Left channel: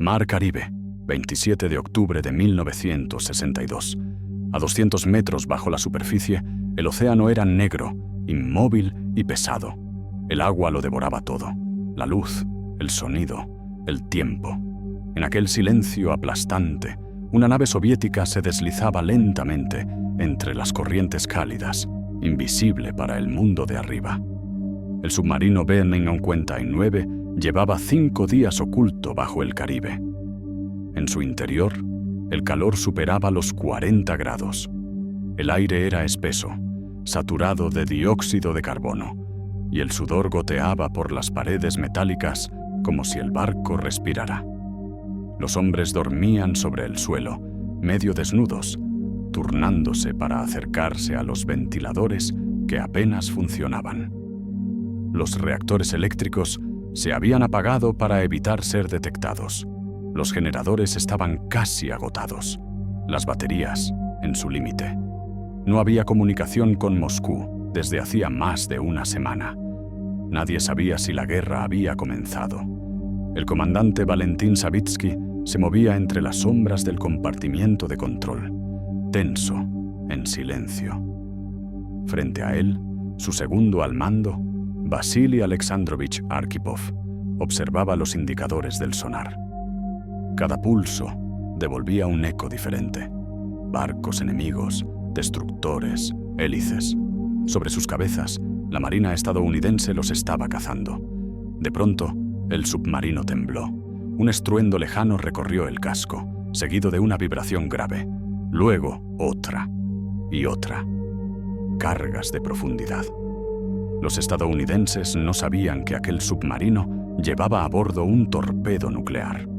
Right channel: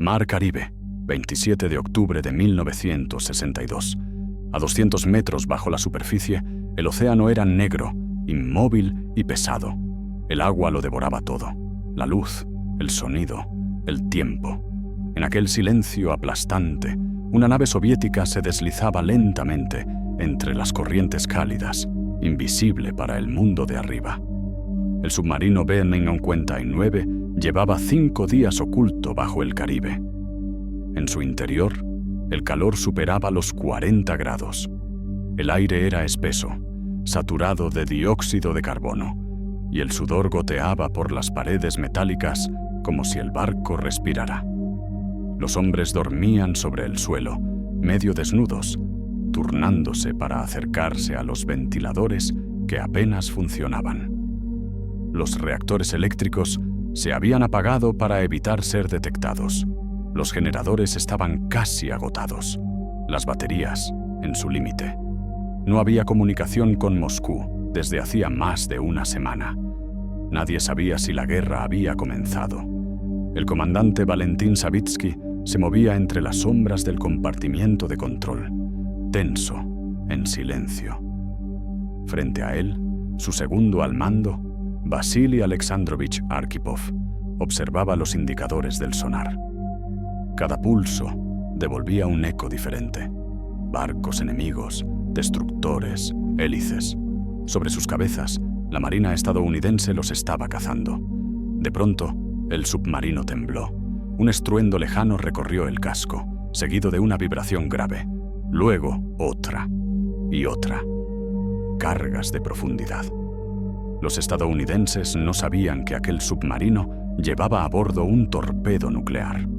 Mar Caribe, 27 de octubre de 1962. A 200 metros bajo la superficie, el océano era negro, inmóvil y pesado. El agua lo devoraba todo: la luz, el sonido, el tiempo. En aquel silencio aplastante, una nave soviética se deslizaba lentamente entre las corrientes cálidas, invisible para el mundo de arriba. El submarino B-59 llevaba 5 días oculto bajo el Caribe. En su interior, el calor superaba los 40 grados. El aire era espeso, saturado de dióxido de carbono, y el sudor goteaba por las paredes metálicas como si el barco respirara. Los hombres dormían sobre el suelo, medio desnudos, turnándose para acercarse a los ventiladores que apenas funcionaban. Los reactores eléctricos se habían apagado para evitar ser detectados. Los generadores estaban casi agotados, las baterías en su límite. No había comunicación con Moscú desde hacía más de una semana. Nadie sabía si la guerra había comenzado. El comandante Valentín Savitsky se movía entre las sombras del compartimiento de control, tenso, en silencio. Frente a él, su segundo al mando, Vasily Alexandrovich Arkhipov, observaba los indicadores del sonar. Cada pulso devolvía un eco diferente: barcos enemigos, destructores, hélices. Sobre sus cabezas, la marina estadounidense los estaba cazando. De pronto, el submarino tembló. Un estruendo lejano recorrió el casco, seguido de una vibración grave. Luego, otra y otra. Cargas de profundidad. Los estadounidenses no sabían que aquel submarino llevaba a bordo un torpedo nuclear.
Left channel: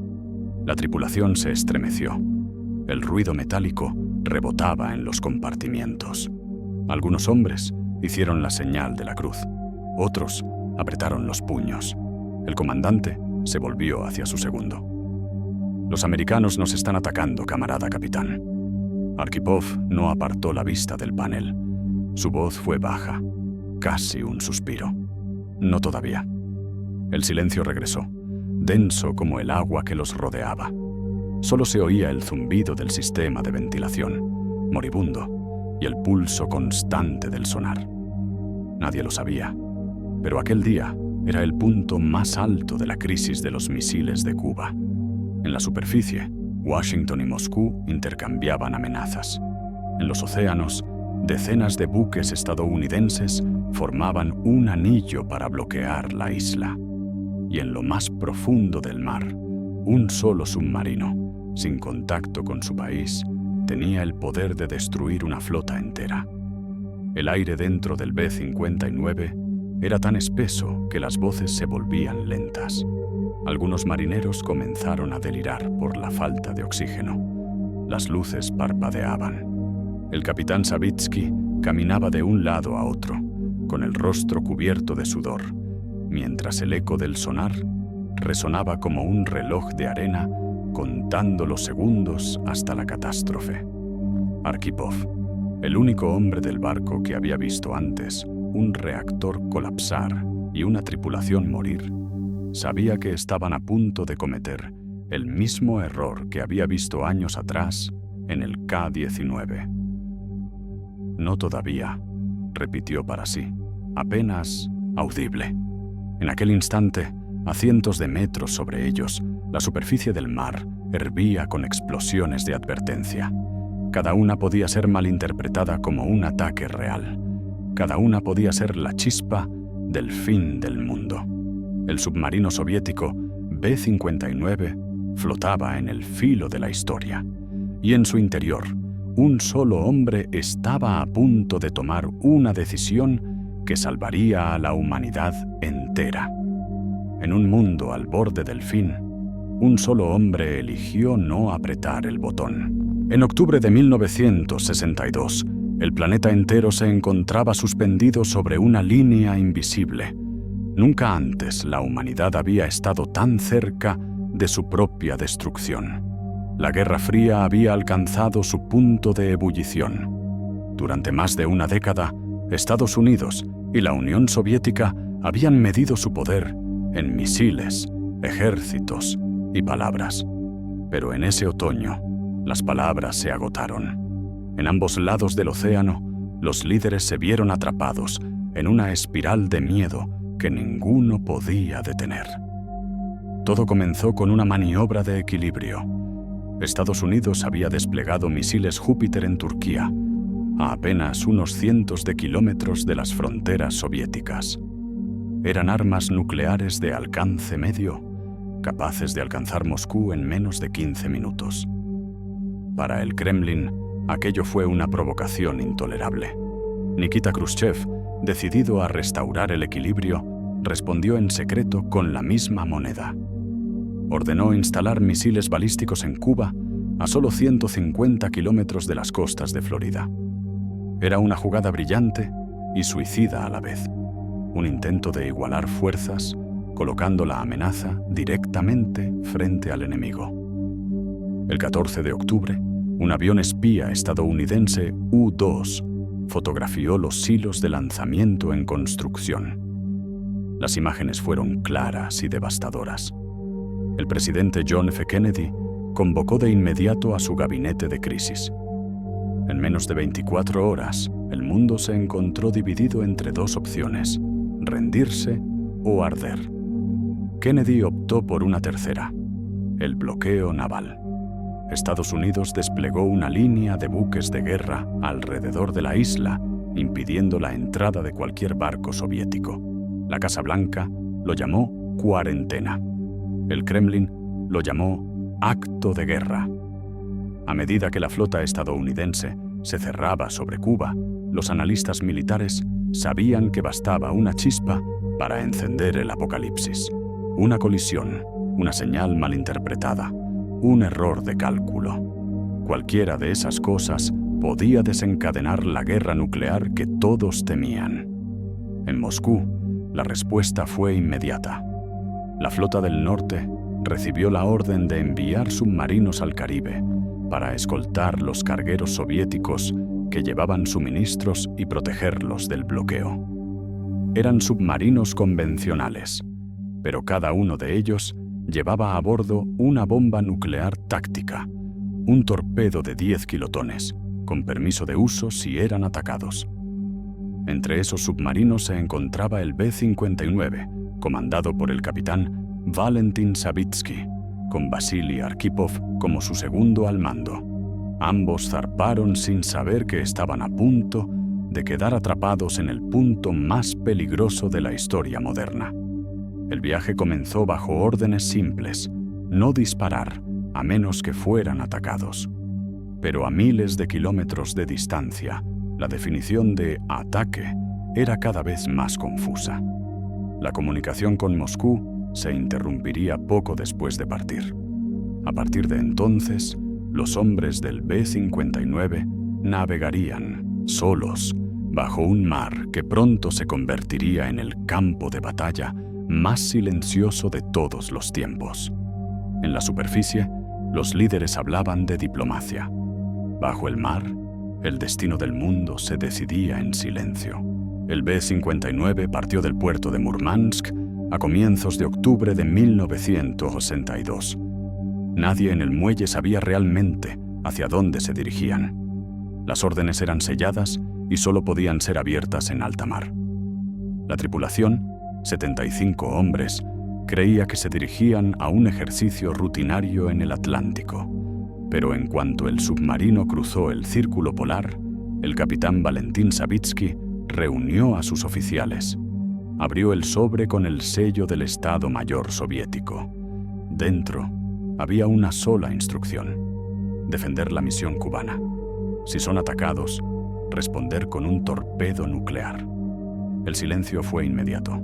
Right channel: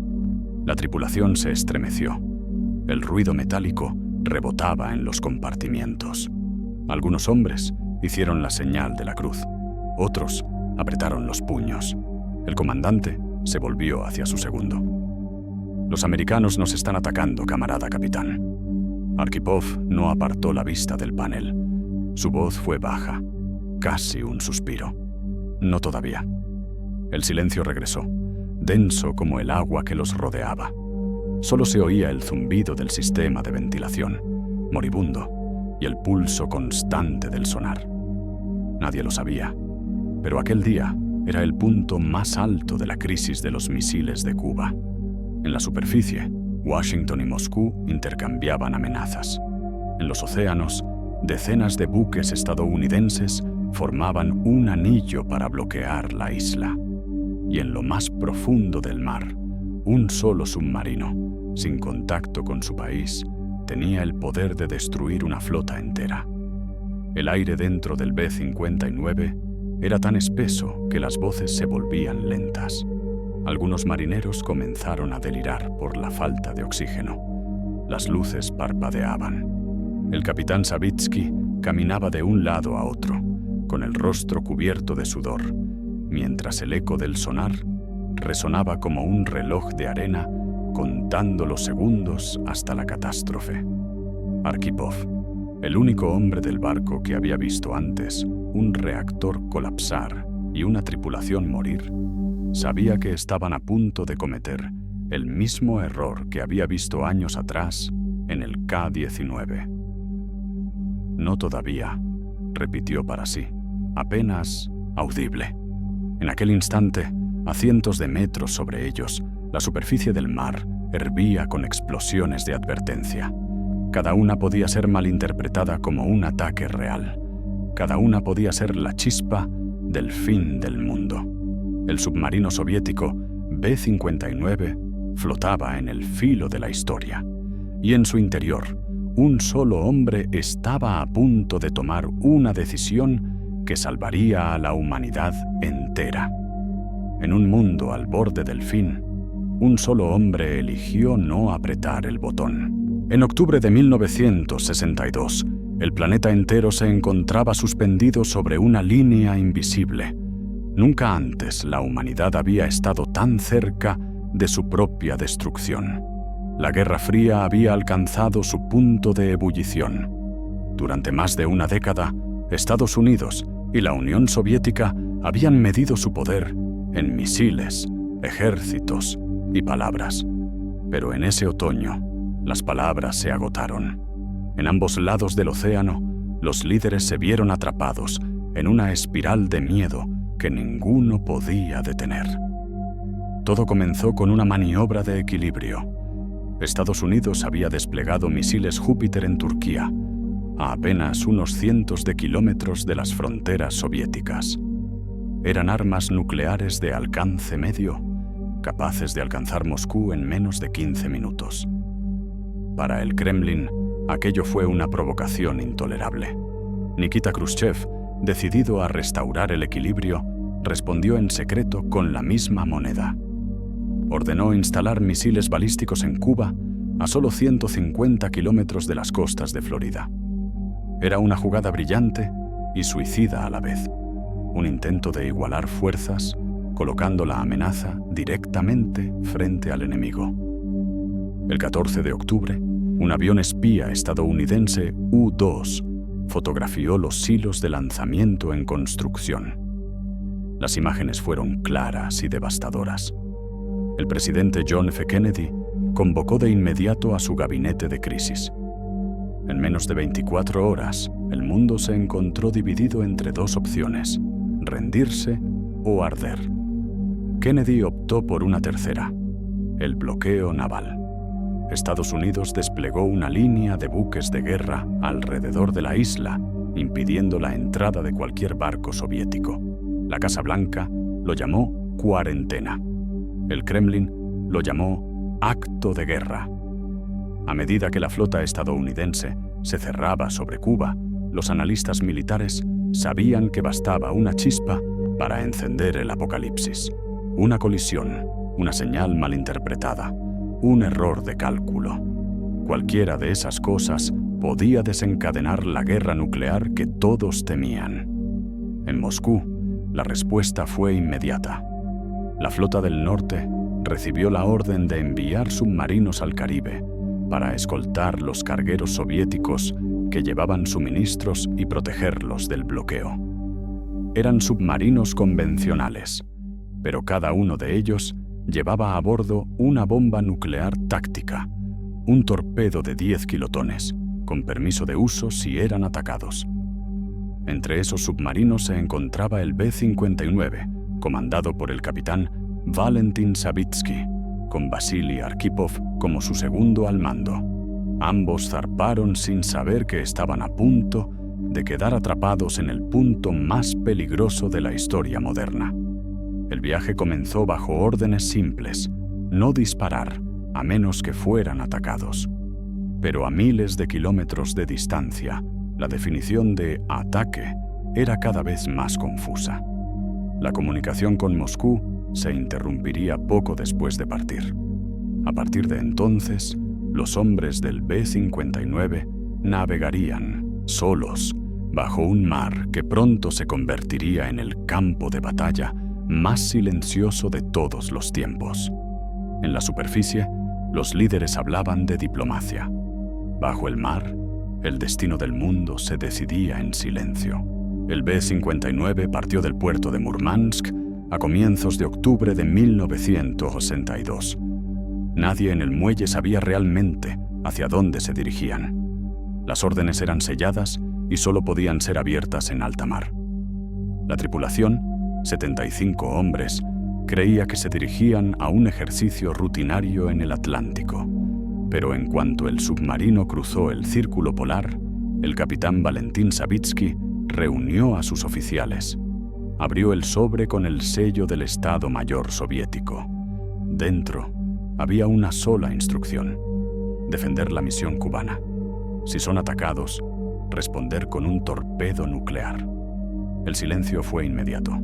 La tripulación se estremeció. El ruido metálico rebotaba en los compartimientos. Algunos hombres hicieron la señal de la cruz. Otros apretaron los puños. El comandante se volvió hacia su segundo. «Los americanos nos están atacando, camarada capitán». Arkhipov no apartó la vista del panel. Su voz fue baja, casi un suspiro. «No todavía». El silencio regresó, denso como el agua que los rodeaba. Solo se oía el zumbido del sistema de ventilación, moribundo, y el pulso constante del sonar. Nadie lo sabía, pero aquel día era el punto más alto de la crisis de los misiles de Cuba. En la superficie, Washington y Moscú intercambiaban amenazas. En los océanos, decenas de buques estadounidenses formaban un anillo para bloquear la isla. Y en lo más profundo del mar, un solo submarino, sin contacto con su país, tenía el poder de destruir una flota entera. El aire dentro del B-59 era tan espeso que las voces se volvían lentas. Algunos marineros comenzaron a delirar por la falta de oxígeno. Las luces parpadeaban. El capitán Savitsky caminaba de un lado a otro, con el rostro cubierto de sudor, mientras el eco del sonar resonaba como un reloj de arena contando los segundos hasta la catástrofe. Arkhipov, el único hombre del barco que había visto antes un reactor colapsar y una tripulación morir, sabía que estaban a punto de cometer el mismo error que había visto años atrás en el K-19. «No todavía», repitió para sí, apenas audible. En aquel instante, a cientos de metros sobre ellos, la superficie del mar hervía con explosiones de advertencia. Cada una podía ser malinterpretada como un ataque real. Cada una podía ser la chispa del fin del mundo. El submarino soviético B-59 flotaba en el filo de la historia, y en su interior, un solo hombre estaba a punto de tomar una decisión que salvaría a la humanidad entera. En un mundo al borde del fin, un solo hombre eligió no apretar el botón. En octubre de 1962, el planeta entero se encontraba suspendido sobre una línea invisible. Nunca antes la humanidad había estado tan cerca de su propia destrucción. La Guerra Fría había alcanzado su punto de ebullición. Durante más de una década, Estados Unidos y la Unión Soviética habían medido su poder en misiles, ejércitos, y palabras. Pero en ese otoño, las palabras se agotaron. En ambos lados del océano, los líderes se vieron atrapados en una espiral de miedo que ninguno podía detener. Todo comenzó con una maniobra de equilibrio. Estados Unidos había desplegado misiles Júpiter en Turquía, a apenas unos cientos de kilómetros de las fronteras soviéticas. Eran armas nucleares de alcance medio, capaces de alcanzar Moscú en menos de 15 minutos. Para el Kremlin, aquello fue una provocación intolerable. Nikita Khrushchev, decidido a restaurar el equilibrio, respondió en secreto con la misma moneda. Ordenó instalar misiles balísticos en Cuba, a solo 150 kilómetros de las costas de Florida. Era una jugada brillante y suicida a la vez. Un intento de igualar fuerzas, colocando la amenaza directamente frente al enemigo. El 14 de octubre, un avión espía estadounidense U-2 fotografió los silos de lanzamiento en construcción. Las imágenes fueron claras y devastadoras. El presidente John F. Kennedy convocó de inmediato a su gabinete de crisis. En menos de 24 horas, el mundo se encontró dividido entre dos opciones: rendirse o arder. Kennedy optó por una tercera: el bloqueo naval. Estados Unidos desplegó una línea de buques de guerra alrededor de la isla, impidiendo la entrada de cualquier barco soviético. La Casa Blanca lo llamó cuarentena. El Kremlin lo llamó acto de guerra. A medida que la flota estadounidense se cerraba sobre Cuba, los analistas militares sabían que bastaba una chispa para encender el apocalipsis. Una colisión, una señal malinterpretada, un error de cálculo. Cualquiera de esas cosas podía desencadenar la guerra nuclear que todos temían. En Moscú, la respuesta fue inmediata. La flota del norte recibió la orden de enviar submarinos al Caribe para escoltar los cargueros soviéticos que llevaban suministros y protegerlos del bloqueo. Eran submarinos convencionales, pero cada uno de ellos llevaba a bordo una bomba nuclear táctica, un torpedo de 10 kilotones, con permiso de uso si eran atacados. Entre esos submarinos se encontraba el B-59, comandado por el capitán Valentin Savitsky, con Vasily Arkhipov como su segundo al mando. Ambos zarparon sin saber que estaban a punto de quedar atrapados en el punto más peligroso de la historia moderna. El viaje comenzó bajo órdenes simples: no disparar, a menos que fueran atacados. Pero a miles de kilómetros de distancia, la definición de ataque era cada vez más confusa. La comunicación con Moscú se interrumpiría poco después de partir. A partir de entonces, los hombres del B-59 navegarían, solos, bajo un mar que pronto se convertiría en el campo de batalla más silencioso de todos los tiempos. En la superficie, los líderes hablaban de diplomacia. Bajo el mar, el destino del mundo se decidía en silencio. El B-59 partió del puerto de Murmansk a comienzos de octubre de 1962. Nadie en el muelle sabía realmente hacia dónde se dirigían. Las órdenes eran selladas y solo podían ser abiertas en alta mar. La tripulación, 75 hombres, creía que se dirigían a un ejercicio rutinario en el Atlántico. Pero en cuanto el submarino cruzó el círculo polar, el capitán Valentin Savitsky reunió a sus oficiales. Abrió el sobre con el sello del Estado Mayor soviético. Dentro había una sola instrucción: defender la misión cubana. Si son atacados, responder con un torpedo nuclear. El silencio fue inmediato.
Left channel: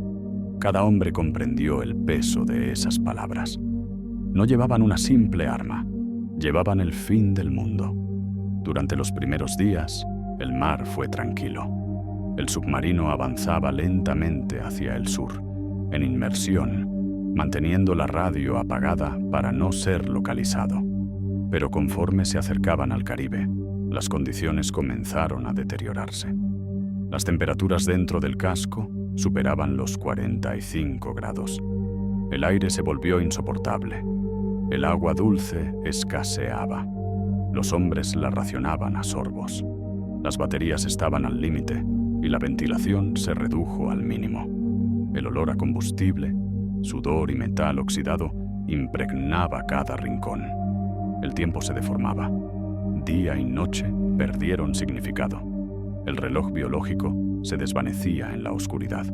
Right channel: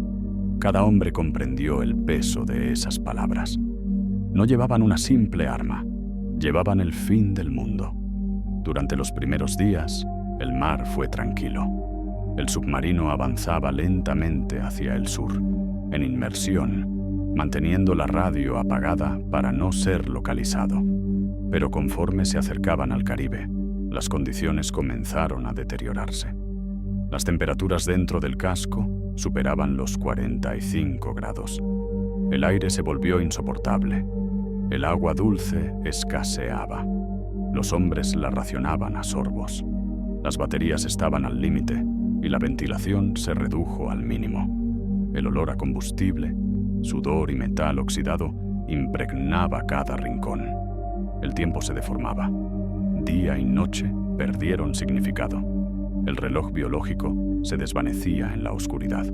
Cada hombre comprendió el peso de esas palabras. No llevaban una simple arma, llevaban el fin del mundo. Durante los primeros días, el mar fue tranquilo. El submarino avanzaba lentamente hacia el sur, en inmersión, manteniendo la radio apagada para no ser localizado. Pero conforme se acercaban al Caribe, las condiciones comenzaron a deteriorarse. Las temperaturas dentro del casco superaban los 45 grados. El aire se volvió insoportable. El agua dulce escaseaba. Los hombres la racionaban a sorbos. Las baterías estaban al límite y la ventilación se redujo al mínimo. El olor a combustible, sudor y metal oxidado impregnaba cada rincón. El tiempo se deformaba. Día y noche perdieron significado. El reloj biológico se desvanecía en la oscuridad.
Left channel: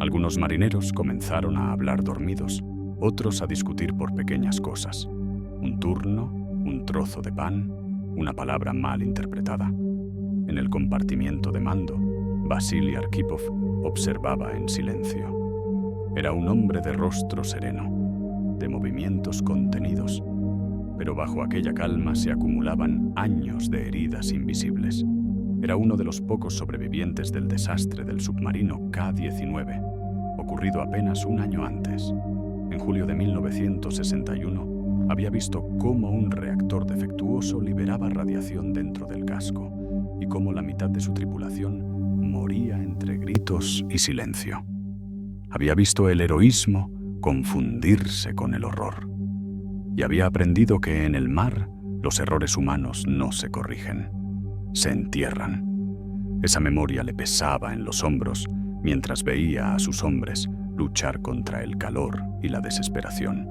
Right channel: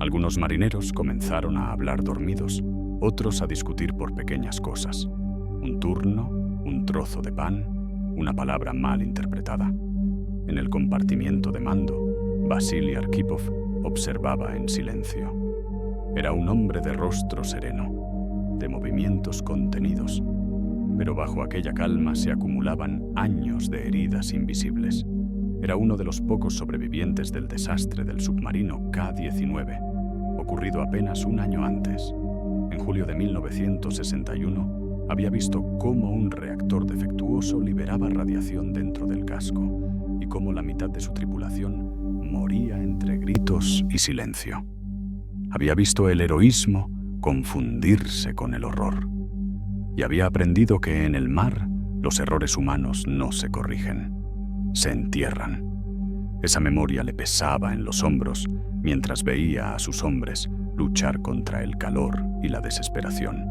Algunos marineros comenzaron a hablar dormidos, otros a discutir por pequeñas cosas. Un turno, un trozo de pan, una palabra mal interpretada. En el compartimiento de mando, Vasily Arkhipov observaba en silencio. Era un hombre de rostro sereno, de movimientos contenidos, pero bajo aquella calma se acumulaban años de heridas invisibles. Era uno de los pocos sobrevivientes del desastre del submarino K-19, ocurrido apenas un año antes. En julio de 1961, había visto cómo un reactor defectuoso liberaba radiación dentro del casco y cómo la mitad de su tripulación moría entre gritos y silencio. Había visto el heroísmo confundirse con el horror. Y había aprendido que en el mar los errores humanos no se corrigen, se entierran. Esa memoria le pesaba en los hombros mientras veía a sus hombres luchar contra el calor y la desesperación.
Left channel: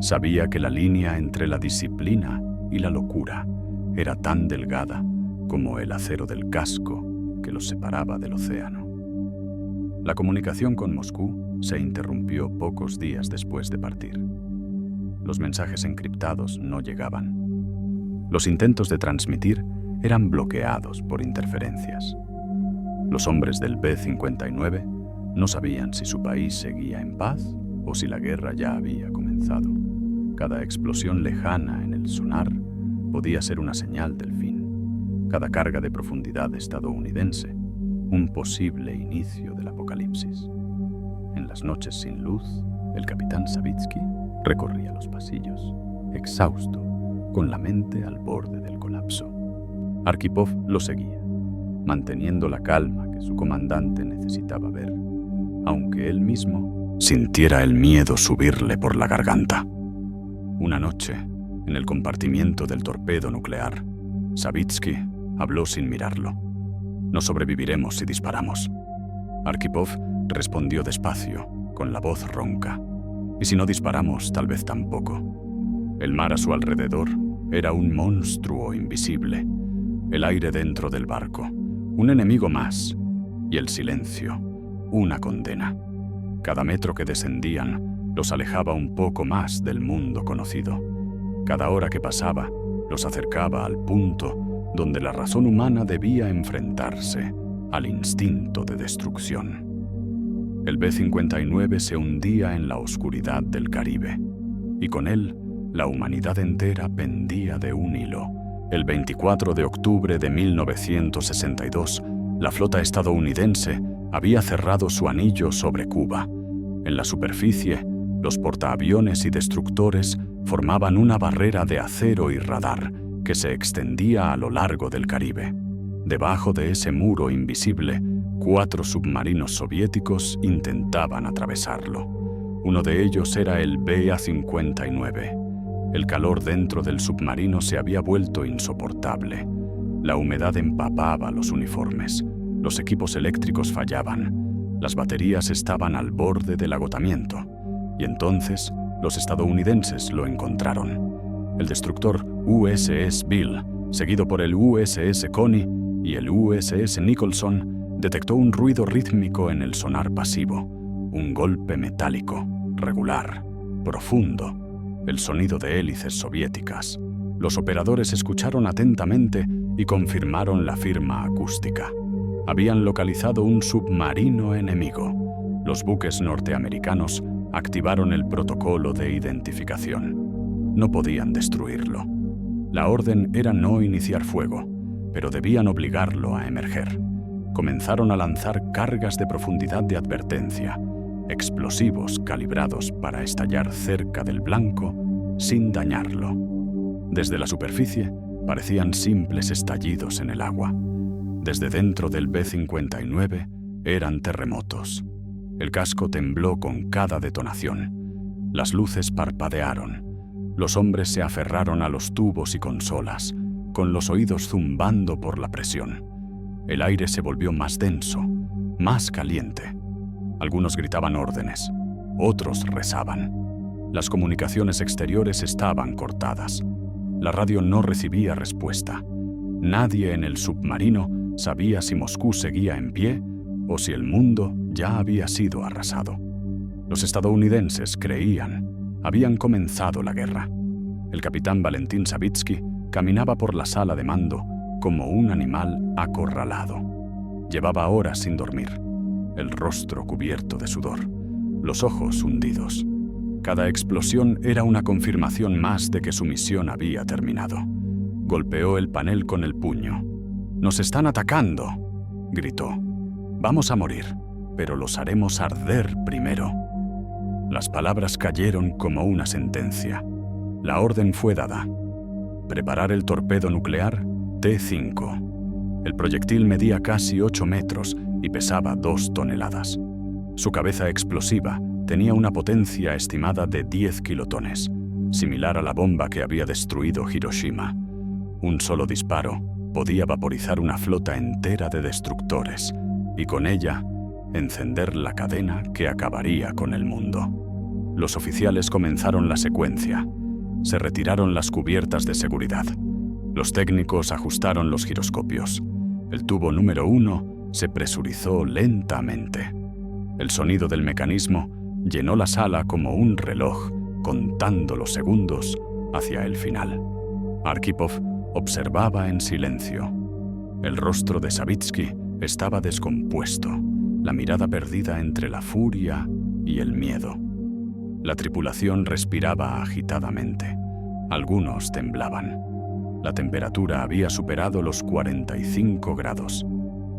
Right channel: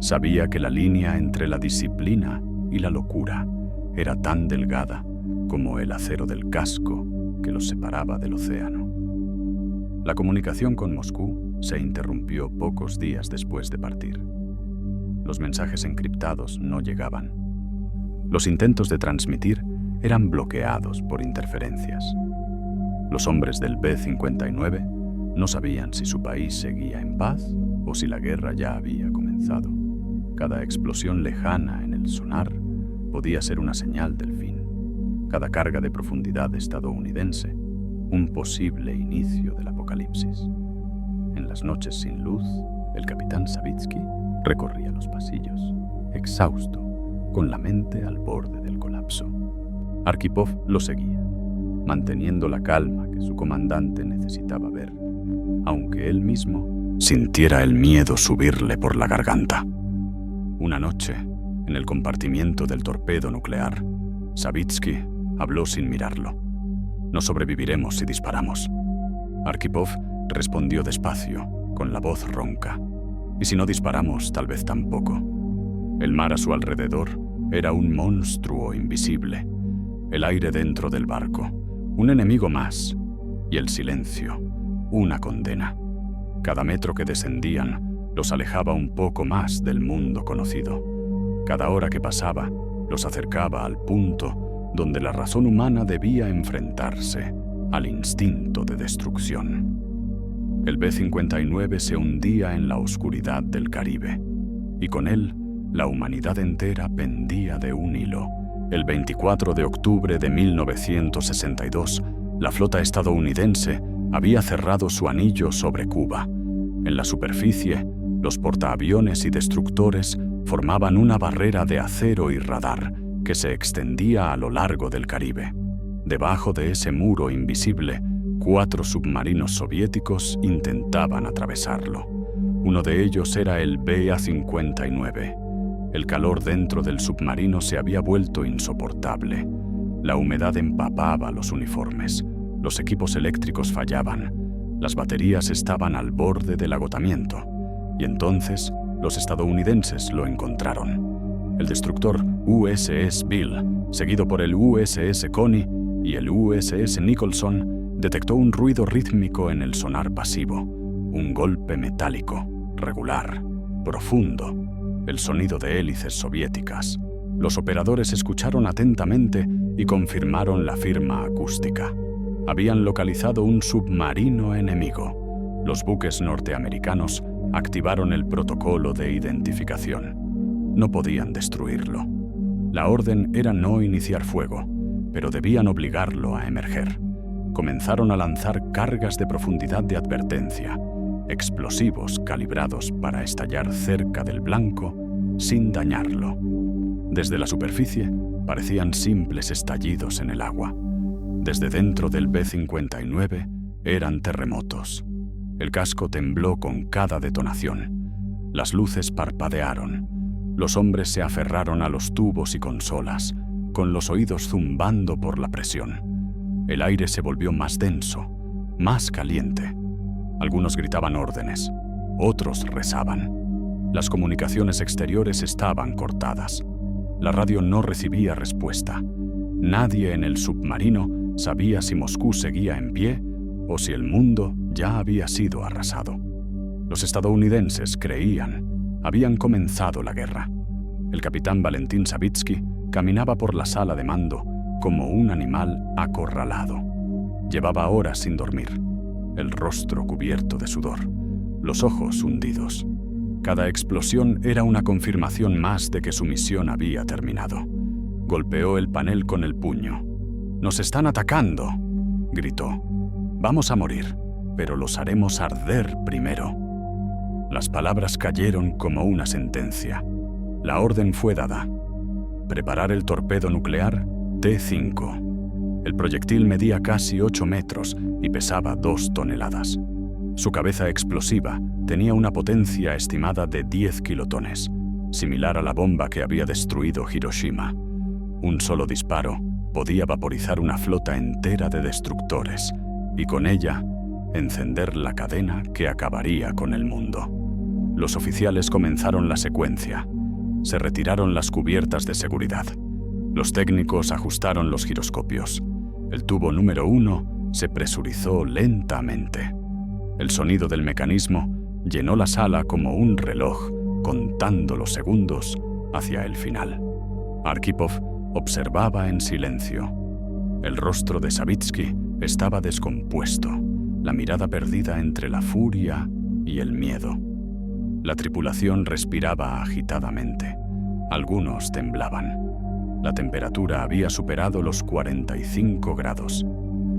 Sabía que la línea entre la disciplina y la locura era tan delgada como el acero del casco que los separaba del océano. La comunicación con Moscú se interrumpió pocos días después de partir. Los mensajes encriptados no llegaban. Los intentos de transmitir eran bloqueados por interferencias. Los hombres del B-59 no sabían si su país seguía en paz o si la guerra ya había comenzado. Cada explosión lejana en el sonar podía ser una señal del fin. Cada carga de profundidad estadounidense, un posible inicio del apocalipsis. En las noches sin luz, el capitán Savitsky recorría los pasillos, exhausto, con la mente al borde del colapso. Arkhipov lo seguía, manteniendo la calma que su comandante necesitaba ver, aunque él mismo sintiera el miedo subirle por la garganta. Una noche, en el compartimiento del torpedo nuclear, Savitsky habló sin mirarlo. «No sobreviviremos si disparamos». Arkhipov respondió despacio, con la voz ronca. «Y si no disparamos, tal vez tampoco». El mar a su alrededor era un monstruo invisible. El aire dentro del barco, un enemigo más. Y el silencio, una condena. Cada metro que descendían los alejaba un poco más del mundo conocido. Cada hora que pasaba los acercaba al punto donde la razón humana debía enfrentarse al instinto de destrucción. El B-59 se hundía en la oscuridad del Caribe, y con él la humanidad entera pendía de un hilo. El 24 de octubre de 1962, la flota estadounidense había cerrado su anillo sobre Cuba. En la superficie, los portaaviones y destructores formaban una barrera de acero y radar que se extendía a lo largo del Caribe. Debajo de ese muro invisible, 4 submarinos soviéticos intentaban atravesarlo. Uno de ellos era el BA-59. El calor dentro del submarino se había vuelto insoportable. La humedad empapaba los uniformes. Los equipos eléctricos fallaban. Las baterías estaban al borde del agotamiento. Y entonces, los estadounidenses lo encontraron. El destructor USS Bill, seguido por el USS Coney y el USS Nicholson, detectó un ruido rítmico en el sonar pasivo. Un golpe metálico, regular, profundo. El sonido de hélices soviéticas. Los operadores escucharon atentamente y confirmaron la firma acústica. Habían localizado un submarino enemigo. Los buques norteamericanos activaron el protocolo de identificación. No podían destruirlo. La orden era no iniciar fuego, pero debían obligarlo a emerger. Comenzaron a lanzar cargas de profundidad de advertencia, explosivos calibrados para estallar cerca del blanco sin dañarlo. Desde la superficie parecían simples estallidos en el agua. Desde dentro del B-59 eran terremotos. El casco tembló con cada detonación. Las luces parpadearon. Los hombres se aferraron a los tubos y consolas, con los oídos zumbando por la presión. El aire se volvió más denso, más caliente. Algunos gritaban órdenes, otros rezaban. Las comunicaciones exteriores estaban cortadas. La radio no recibía respuesta. Nadie en el submarino sabía si Moscú seguía en pie o si el mundo ya había sido arrasado. Los estadounidenses creían, habían comenzado la guerra. El capitán Valentín Savitsky caminaba por la sala de mando como un animal acorralado. Llevaba horas sin dormir, el rostro cubierto de sudor, los ojos hundidos. Cada explosión era una confirmación más de que su misión había terminado. Golpeó el panel con el puño. «¡Nos están atacando!», gritó. «Vamos a morir, pero los haremos arder primero». Las palabras cayeron como una sentencia. La orden fue dada. Preparar el torpedo nuclear T-5. El proyectil medía casi 8 metros y pesaba 2 toneladas. Su cabeza explosiva tenía una potencia estimada de 10 kilotones, similar a la bomba que había destruido Hiroshima. Un solo disparo podía vaporizar una flota entera de destructores y con ella encender la cadena que acabaría con el mundo. Los oficiales comenzaron la secuencia. Se retiraron las cubiertas de seguridad. Los técnicos ajustaron los giroscopios. El tubo número 1 se presurizó lentamente. El sonido del mecanismo llenó la sala como un reloj, contando los segundos hacia el final. Arkhipov observaba en silencio. El rostro de Savitsky estaba descompuesto, la mirada perdida entre la furia y el miedo. La tripulación respiraba agitadamente. Algunos temblaban. La temperatura había superado los 45 grados.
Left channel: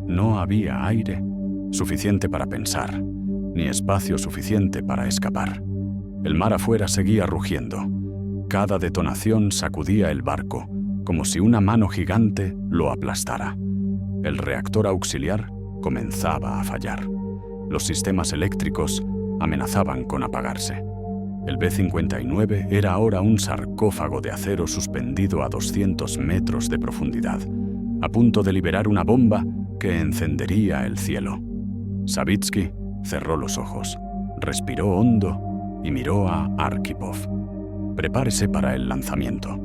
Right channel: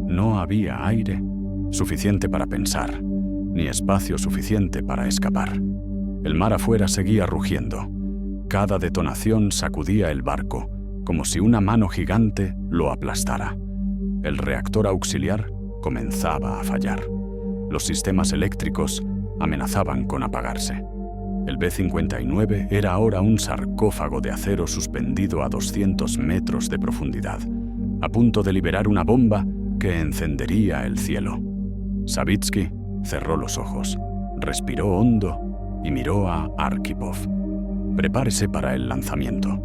No había aire suficiente para pensar, ni espacio suficiente para escapar. El mar afuera seguía rugiendo. Cada detonación sacudía el barco, como si una mano gigante lo aplastara. El reactor auxiliar comenzaba a fallar. Los sistemas eléctricos amenazaban con apagarse. El B-59 era ahora un sarcófago de acero suspendido a 200 metros de profundidad, a punto de liberar una bomba que encendería el cielo. Savitsky cerró los ojos, respiró hondo y miró a Arkhipov. «Prepárese para el lanzamiento».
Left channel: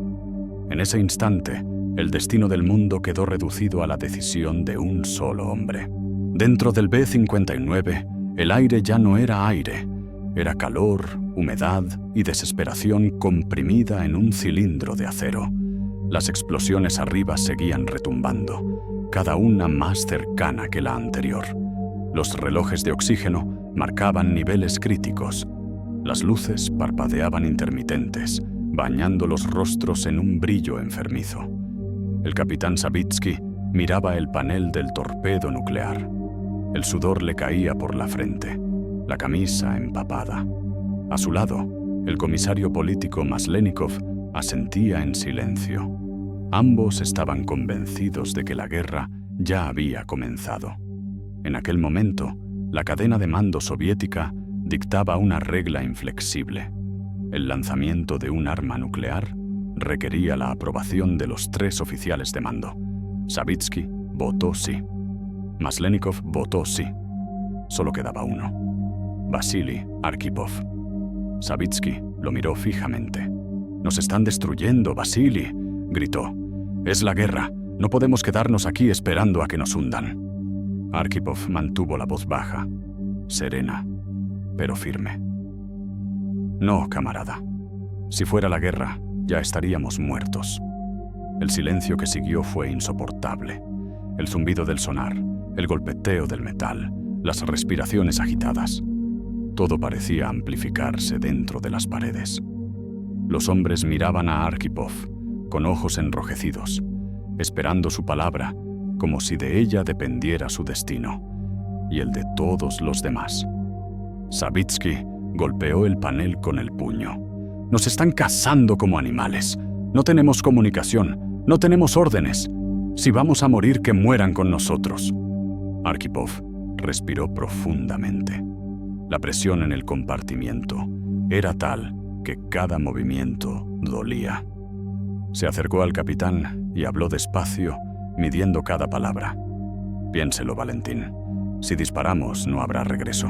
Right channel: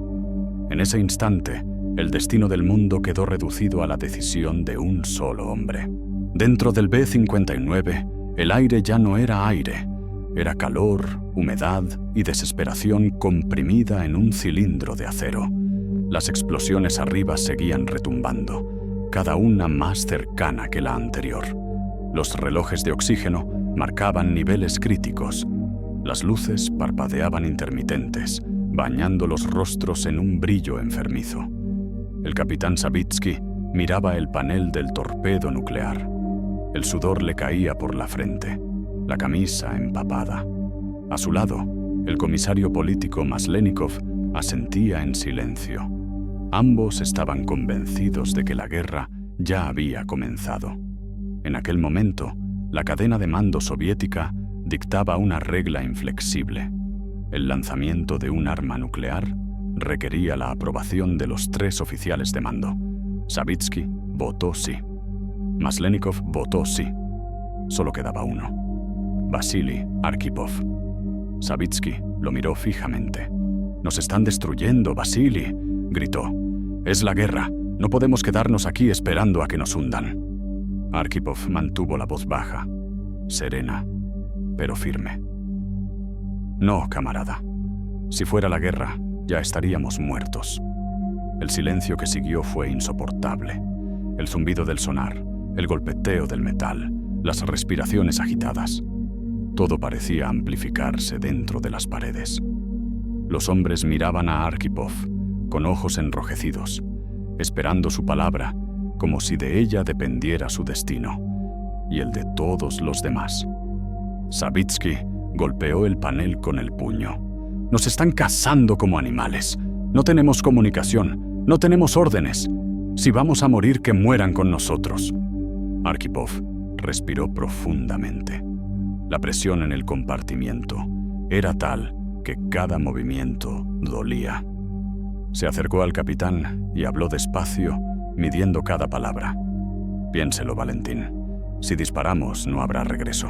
En ese instante, el destino del mundo quedó reducido a la decisión de un solo hombre. Dentro del B-59, el aire ya no era aire. Era calor, humedad y desesperación comprimida en un cilindro de acero. Las explosiones arriba seguían retumbando, cada una más cercana que la anterior. Los relojes de oxígeno marcaban niveles críticos. Las luces parpadeaban intermitentes, bañando los rostros en un brillo enfermizo. El capitán Savitsky miraba el panel del torpedo nuclear. El sudor le caía por la frente, la camisa empapada. A su lado, el comisario político Maslenikov asentía en silencio. Ambos estaban convencidos de que la guerra ya había comenzado. En aquel momento, la cadena de mando soviética dictaba una regla inflexible. El lanzamiento de un arma nuclear requería la aprobación de los 3 oficiales de mando. Savitsky votó sí. Maslenikov votó sí. Solo quedaba uno: Vasily Arkhipov. Savitsky lo miró fijamente. «Nos están destruyendo, Vasily», gritó. «Es la guerra. No podemos quedarnos aquí esperando a que nos hundan». Arkhipov mantuvo la voz baja, serena, pero firme. «No, camarada. Si fuera la guerra, ya estaríamos muertos». El silencio que siguió fue insoportable. El zumbido del sonar, el golpeteo del metal, las respiraciones agitadas. Todo parecía amplificarse dentro de las paredes. Los hombres miraban a Arkhipov con ojos enrojecidos, esperando su palabra, como si de ella dependiera su destino y el de todos los demás. Savitsky golpeó el panel con el puño. «Nos están cazando como animales. No tenemos comunicación, no tenemos órdenes. Si vamos a morir, que mueran con nosotros». Arkhipov respiró profundamente. La presión en el compartimiento era tal que cada movimiento Dolía. Se acercó al capitán y habló despacio, midiendo cada palabra. Piénselo, Valentín. Si disparamos, no habrá regreso.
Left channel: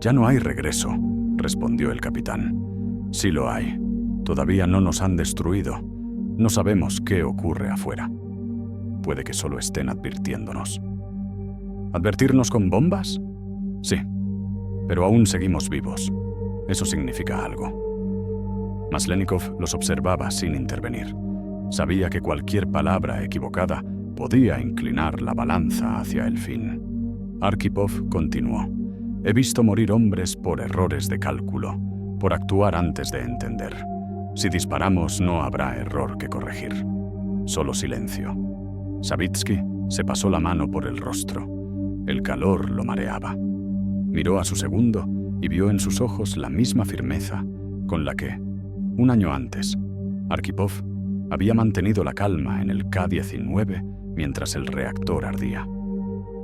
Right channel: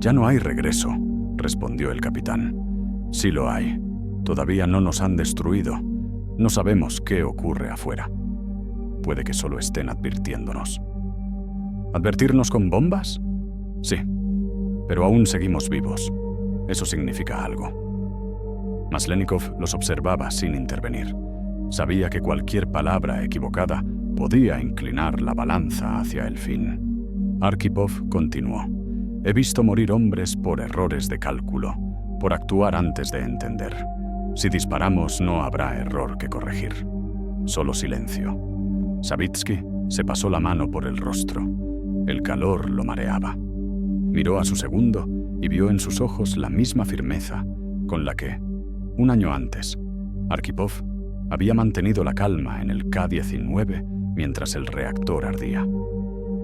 Ya no hay regreso, respondió el capitán. Sí lo hay. Todavía no nos han destruido. No sabemos qué ocurre afuera. Puede que solo estén advirtiéndonos. ¿Advertirnos con bombas? Sí, pero aún seguimos vivos. Eso significa algo. Maslenikov los observaba sin intervenir. Sabía que cualquier palabra equivocada podía inclinar la balanza hacia el fin. Arkhipov continuó. He visto morir hombres por errores de cálculo, por actuar antes de entender. Si disparamos no habrá error que corregir. Solo silencio. Savitsky se pasó la mano por el rostro. El calor lo mareaba. Miró a su segundo y vio en sus ojos la misma firmeza con la que, un año antes, Arkhipov había mantenido la calma en el K-19 mientras el reactor ardía.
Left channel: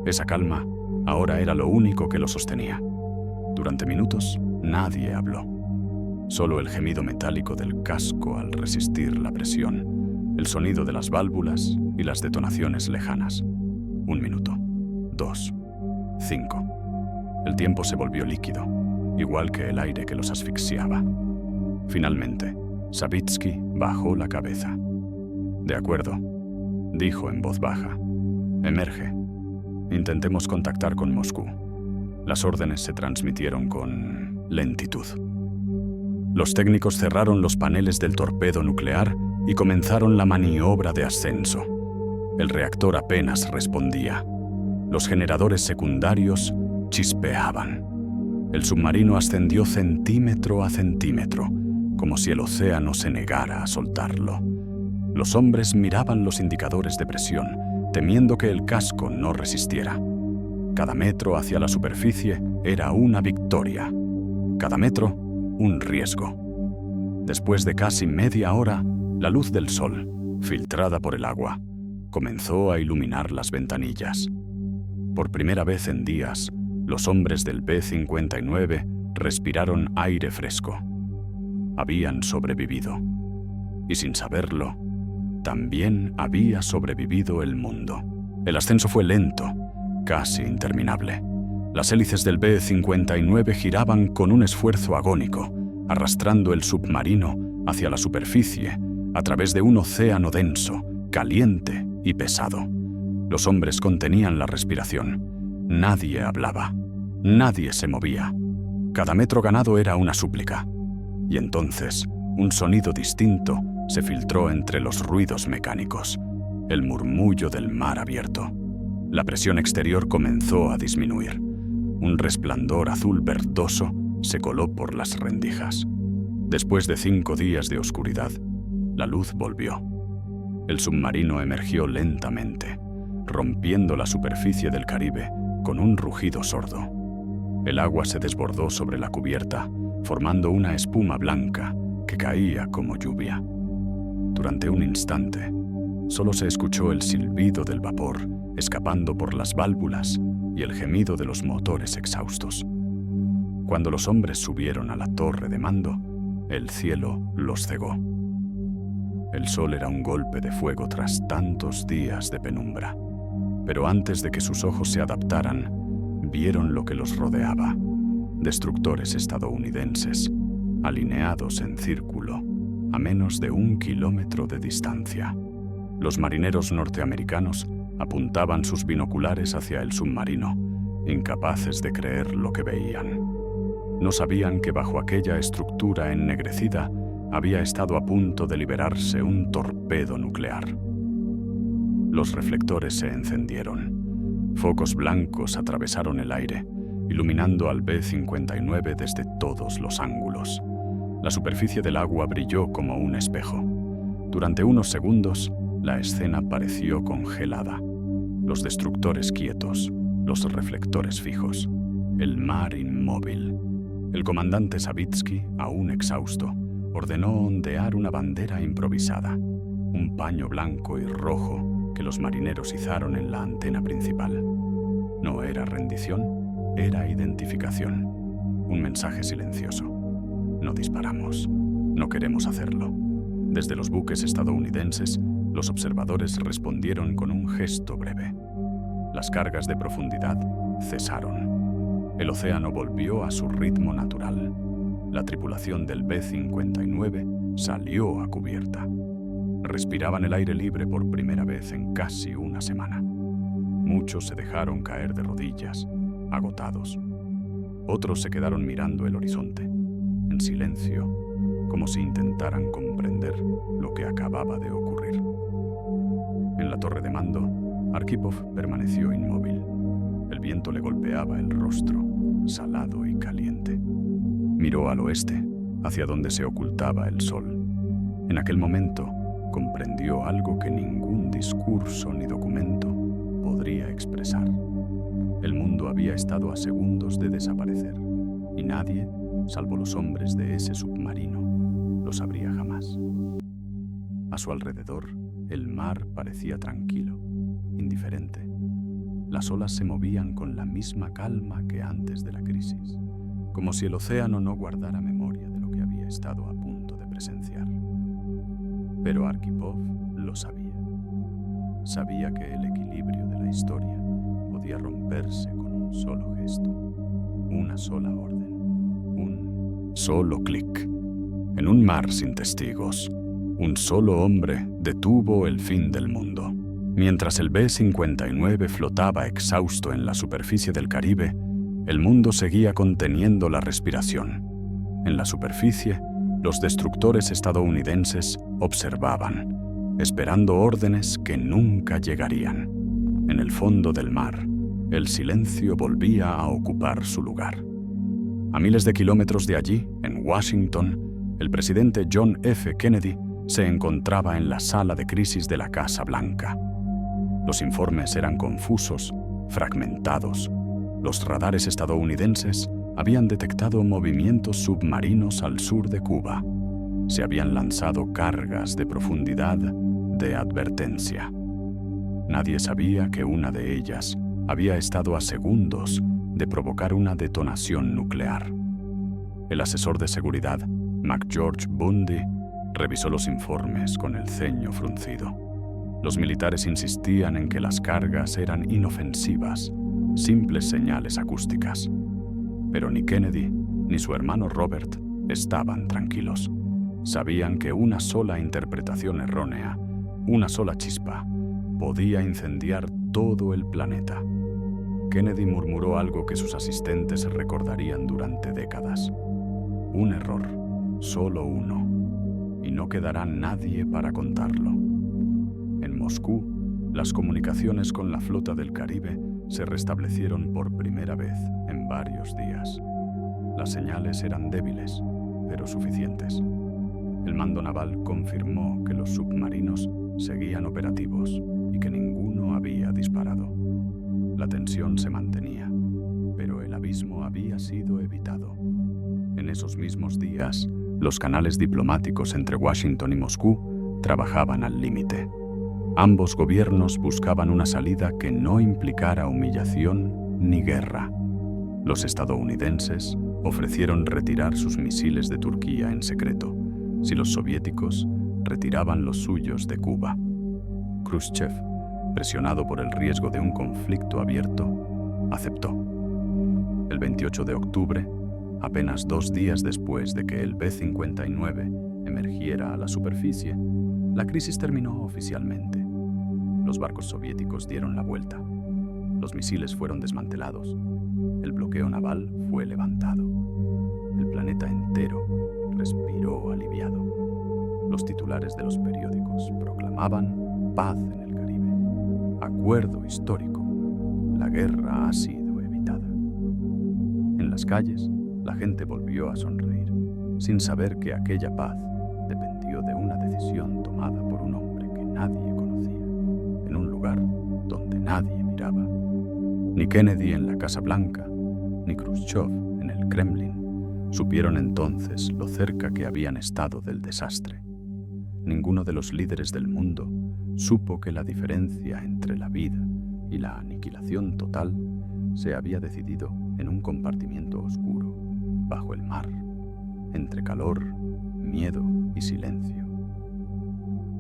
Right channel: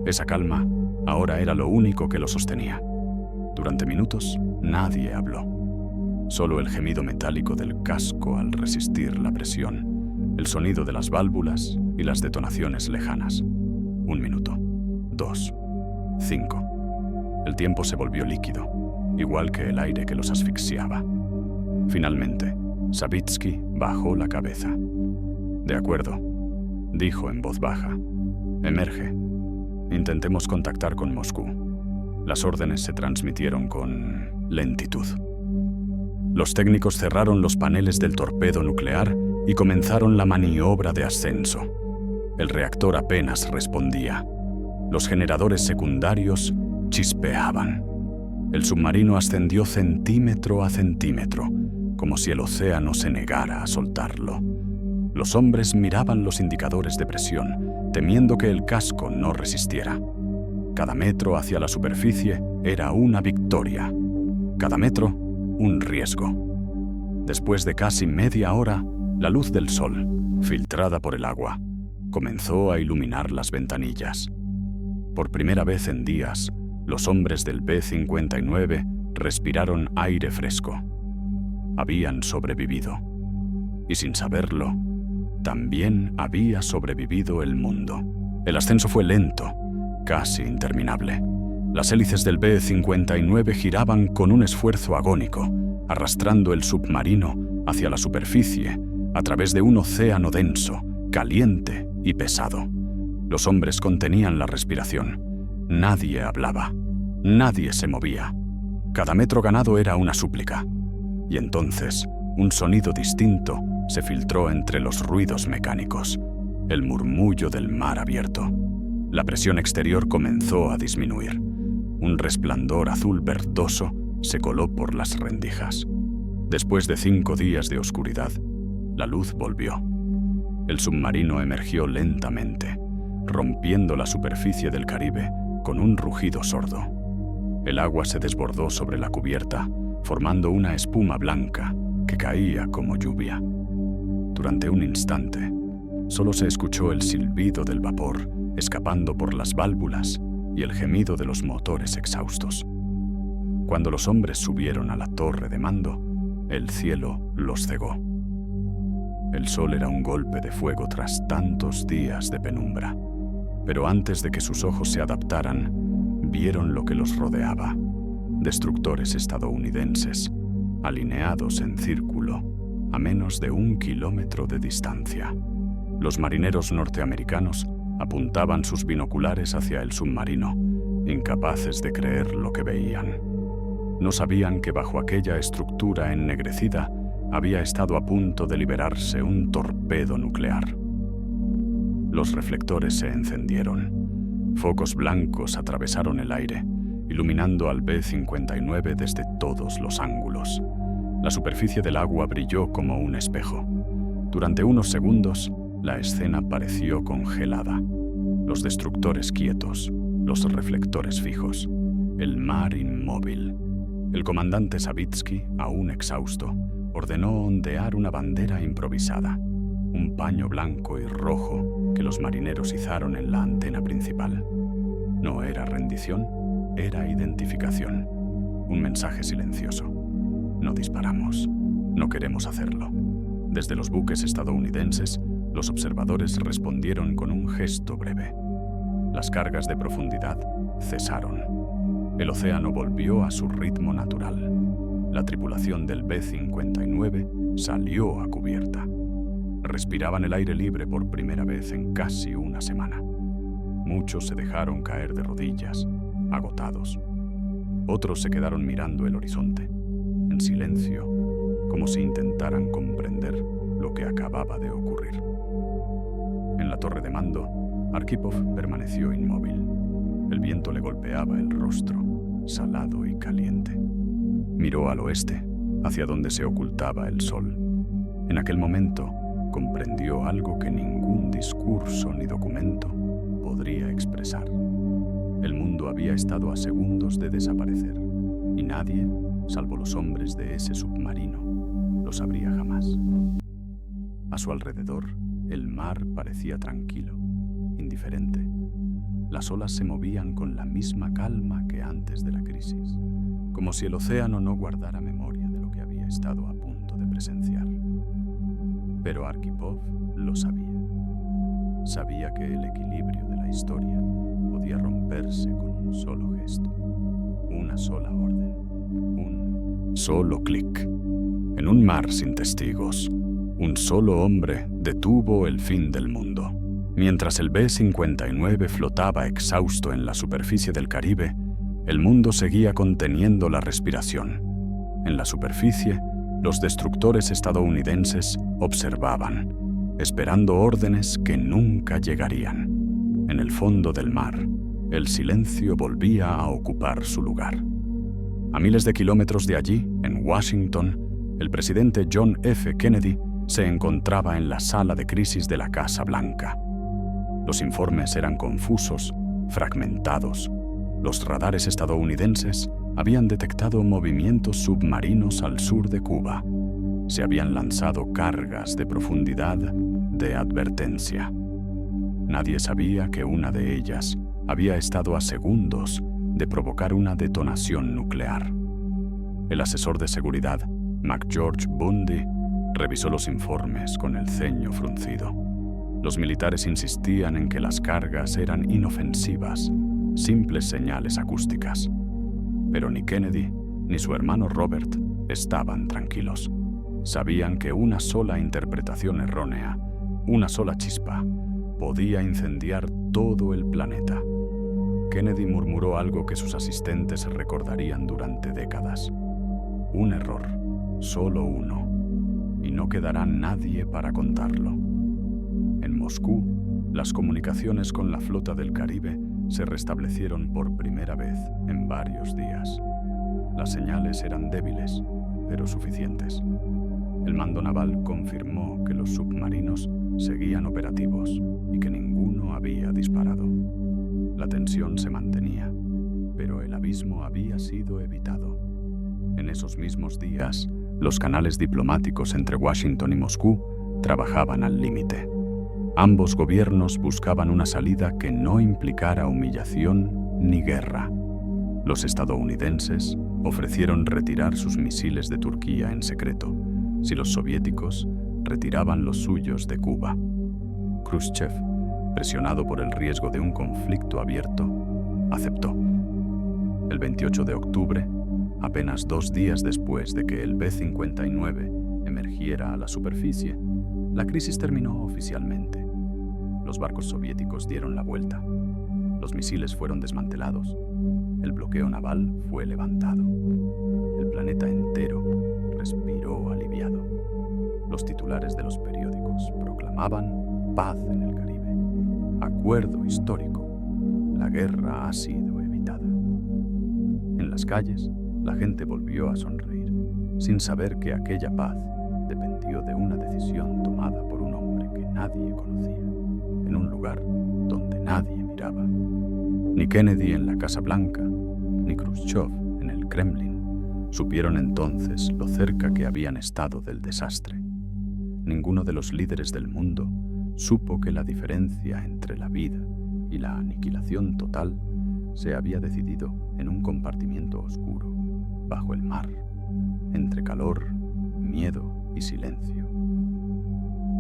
Esa calma ahora era lo único que lo sostenía. Durante minutos nadie habló. Solo el gemido metálico del casco al resistir la presión, el sonido de las válvulas y las detonaciones lejanas. 1 minuto, 2, 5. El tiempo se volvió líquido, igual que el aire que los asfixiaba. Finalmente, Savitsky bajó la cabeza. De acuerdo, dijo en voz baja. Emerge. Intentemos contactar con Moscú. Las órdenes se transmitieron con lentitud. Los técnicos cerraron los paneles del torpedo nuclear y comenzaron la maniobra de ascenso. El reactor apenas respondía. Los generadores secundarios chispeaban. El submarino ascendió centímetro a centímetro, como si el océano se negara a soltarlo. Los hombres miraban los indicadores de presión, temiendo que el casco no resistiera. Cada metro hacia la superficie era una victoria. Cada metro, un riesgo. Después de casi media hora, la luz del sol, filtrada por el agua, comenzó a iluminar las ventanillas. Por primera vez en días, los hombres del B-59 respiraron aire fresco. Habían sobrevivido. Y sin saberlo, también había sobrevivido el mundo. El ascenso fue lento, casi interminable. Las hélices del B-59 giraban con un esfuerzo agónico, arrastrando el submarino hacia la superficie a través de un océano denso, caliente y pesado. Los hombres contenían la respiración. Nadie hablaba. Nadie se movía. Cada metro ganado era una súplica. Y entonces, un sonido distinto se filtró entre los ruidos mecánicos, el murmullo del mar abierto. La presión exterior comenzó a disminuir. Un resplandor azul verdoso se coló por las rendijas. Después de 5 días de oscuridad, la luz volvió. El submarino emergió lentamente, rompiendo la superficie del Caribe con un rugido sordo. El agua se desbordó sobre la cubierta, formando una espuma blanca que caía como lluvia. Durante un instante, solo se escuchó el silbido del vapor escapando por las válvulas y el gemido de los motores exhaustos. Cuando los hombres subieron a la torre de mando, el cielo los cegó. El sol era un golpe de fuego tras tantos días de penumbra, pero antes de que sus ojos se adaptaran, vieron lo que los rodeaba: destructores estadounidenses, alineados en círculo, a menos de 1 kilómetro de distancia. Los marineros norteamericanos apuntaban sus binoculares hacia el submarino, incapaces de creer lo que veían. No sabían que bajo aquella estructura ennegrecida había estado a punto de liberarse un torpedo nuclear. Los reflectores se encendieron. Focos blancos atravesaron el aire, iluminando al B-59 desde todos los ángulos. La superficie del agua brilló como un espejo. Durante unos segundos, la escena pareció congelada. Los destructores quietos, los reflectores fijos, el mar inmóvil. El comandante Savitsky, aún exhausto, ordenó ondear una bandera improvisada, un paño blanco y rojo que los marineros izaron en la antena principal. No era rendición, era identificación. Un mensaje silencioso. No disparamos. No queremos hacerlo. Desde los buques estadounidenses, los observadores respondieron con un gesto breve. Las cargas de profundidad cesaron. El océano volvió a su ritmo natural. La tripulación del B-59 salió a cubierta. Respiraban el aire libre por primera vez en casi una semana. Muchos se dejaron caer de rodillas, agotados. Otros se quedaron mirando el horizonte, en silencio, como si intentaran comprender lo que acababa de ocurrir. En la torre de mando, Arkhipov permaneció inmóvil. El viento le golpeaba el rostro, salado y caliente. Miró al oeste, hacia donde se ocultaba el sol. En aquel momento, comprendió algo que ningún discurso ni documento podría expresar. El mundo había estado a segundos de desaparecer, y nadie, salvo los hombres de ese submarino, lo sabría jamás. A su alrededor, el mar parecía tranquilo, indiferente. Las olas se movían con la misma calma que antes de la crisis, como si el océano no guardara memoria de lo que había estado a punto de presenciar. Pero Arkhipov lo sabía. Sabía que el equilibrio de la historia podía romperse con un solo gesto, una sola orden, un solo clic. En un mar sin testigos, un solo hombre detuvo el fin del mundo. Mientras el B-59 flotaba exhausto en la superficie del Caribe, el mundo seguía conteniendo la respiración. En la superficie, los destructores estadounidenses observaban, esperando órdenes que nunca llegarían. En el fondo del mar, el silencio volvía a ocupar su lugar. A miles de kilómetros de allí, en Washington, el presidente John F. Kennedy se encontraba en la sala de crisis de la Casa Blanca. Los informes eran confusos, fragmentados. Los radares estadounidenses habían detectado movimientos submarinos al sur de Cuba. Se habían lanzado cargas de profundidad de advertencia. Nadie sabía que una de ellas había estado a segundos de provocar una detonación nuclear. El asesor de seguridad, McGeorge Bundy, revisó los informes con el ceño fruncido. Los militares insistían en que las cargas eran inofensivas, simples señales acústicas. Pero ni Kennedy ni su hermano Robert estaban tranquilos. Sabían que una sola interpretación errónea, una sola chispa, podía incendiar todo el planeta. Kennedy murmuró algo que sus asistentes recordarían durante décadas. Un error, solo uno, y no quedará nadie para contarlo. En Moscú, las comunicaciones con la flota del Caribe se restablecieron por primera vez en varios días. Las señales eran débiles, pero suficientes. El mando naval confirmó que los submarinos seguían operativos y que ninguno había disparado. La tensión se mantenía, pero el abismo había sido evitado. En esos mismos días, los canales diplomáticos entre Washington y Moscú trabajaban al límite. Ambos gobiernos buscaban una salida que no implicara humillación ni guerra. Los estadounidenses ofrecieron retirar sus misiles de Turquía en secreto, si los soviéticos retiraban los suyos de Cuba. Khrushchev, presionado por el riesgo de un conflicto abierto, aceptó. El 28 de octubre, apenas 2 días después de que el B-59 emergiera a la superficie, la crisis terminó oficialmente. Los barcos soviéticos dieron la vuelta. Los misiles fueron desmantelados. El bloqueo naval fue levantado. El planeta entero respiró aliviado. Los titulares de los periódicos proclamaban paz en el Caribe. Acuerdo histórico. La guerra ha sido evitada. En las calles, la gente volvió a sonreír, sin saber que aquella paz dependió de una decisión tomada por un hombre que nadie conocía, en un lugar donde nadie miraba. Ni Kennedy en la Casa Blanca, ni Khrushchev en el Kremlin supieron entonces lo cerca que habían estado del desastre. Ninguno de los líderes del mundo supo que la diferencia entre la vida y la aniquilación total se había decidido en un compartimiento oscuro, bajo el mar, entre calor, miedo y silencio.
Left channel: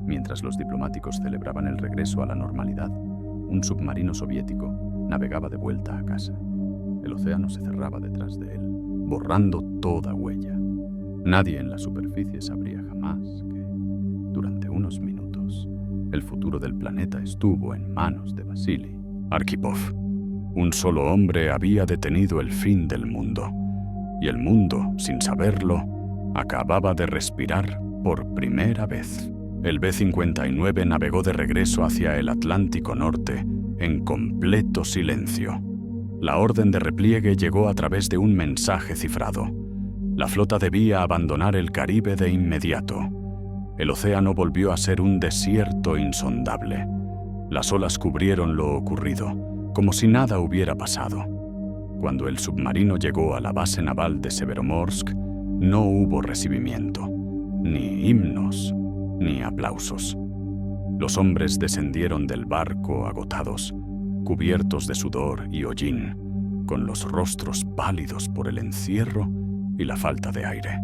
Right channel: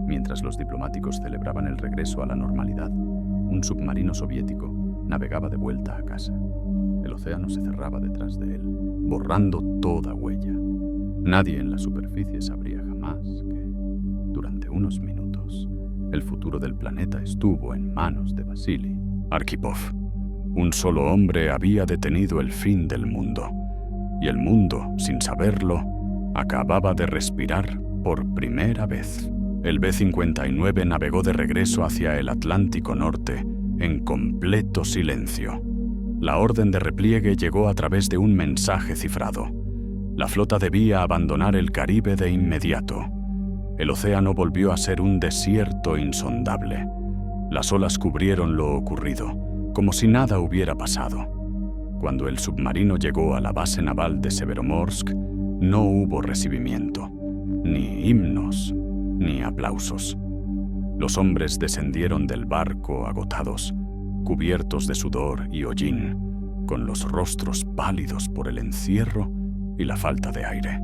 Mientras los diplomáticos celebraban el regreso a la normalidad, un submarino soviético navegaba de vuelta a casa. El océano se cerraba detrás de él, borrando toda huella. Nadie en la superficie sabría jamás que, durante unos minutos, el futuro del planeta estuvo en manos de Vasily Arkhipov. Un solo hombre había detenido el fin del mundo, y el mundo, sin saberlo, acababa de respirar por primera vez. El B-59 navegó de regreso hacia el Atlántico Norte en completo silencio. La orden de repliegue llegó a través de un mensaje cifrado. La flota debía abandonar el Caribe de inmediato. El océano volvió a ser un desierto insondable. Las olas cubrieron lo ocurrido, como si nada hubiera pasado. Cuando el submarino llegó a la base naval de Severomorsk, no hubo recibimiento, ni himnos, ni aplausos. Los hombres descendieron del barco agotados, cubiertos de sudor y hollín, con los rostros pálidos por el encierro y la falta de aire.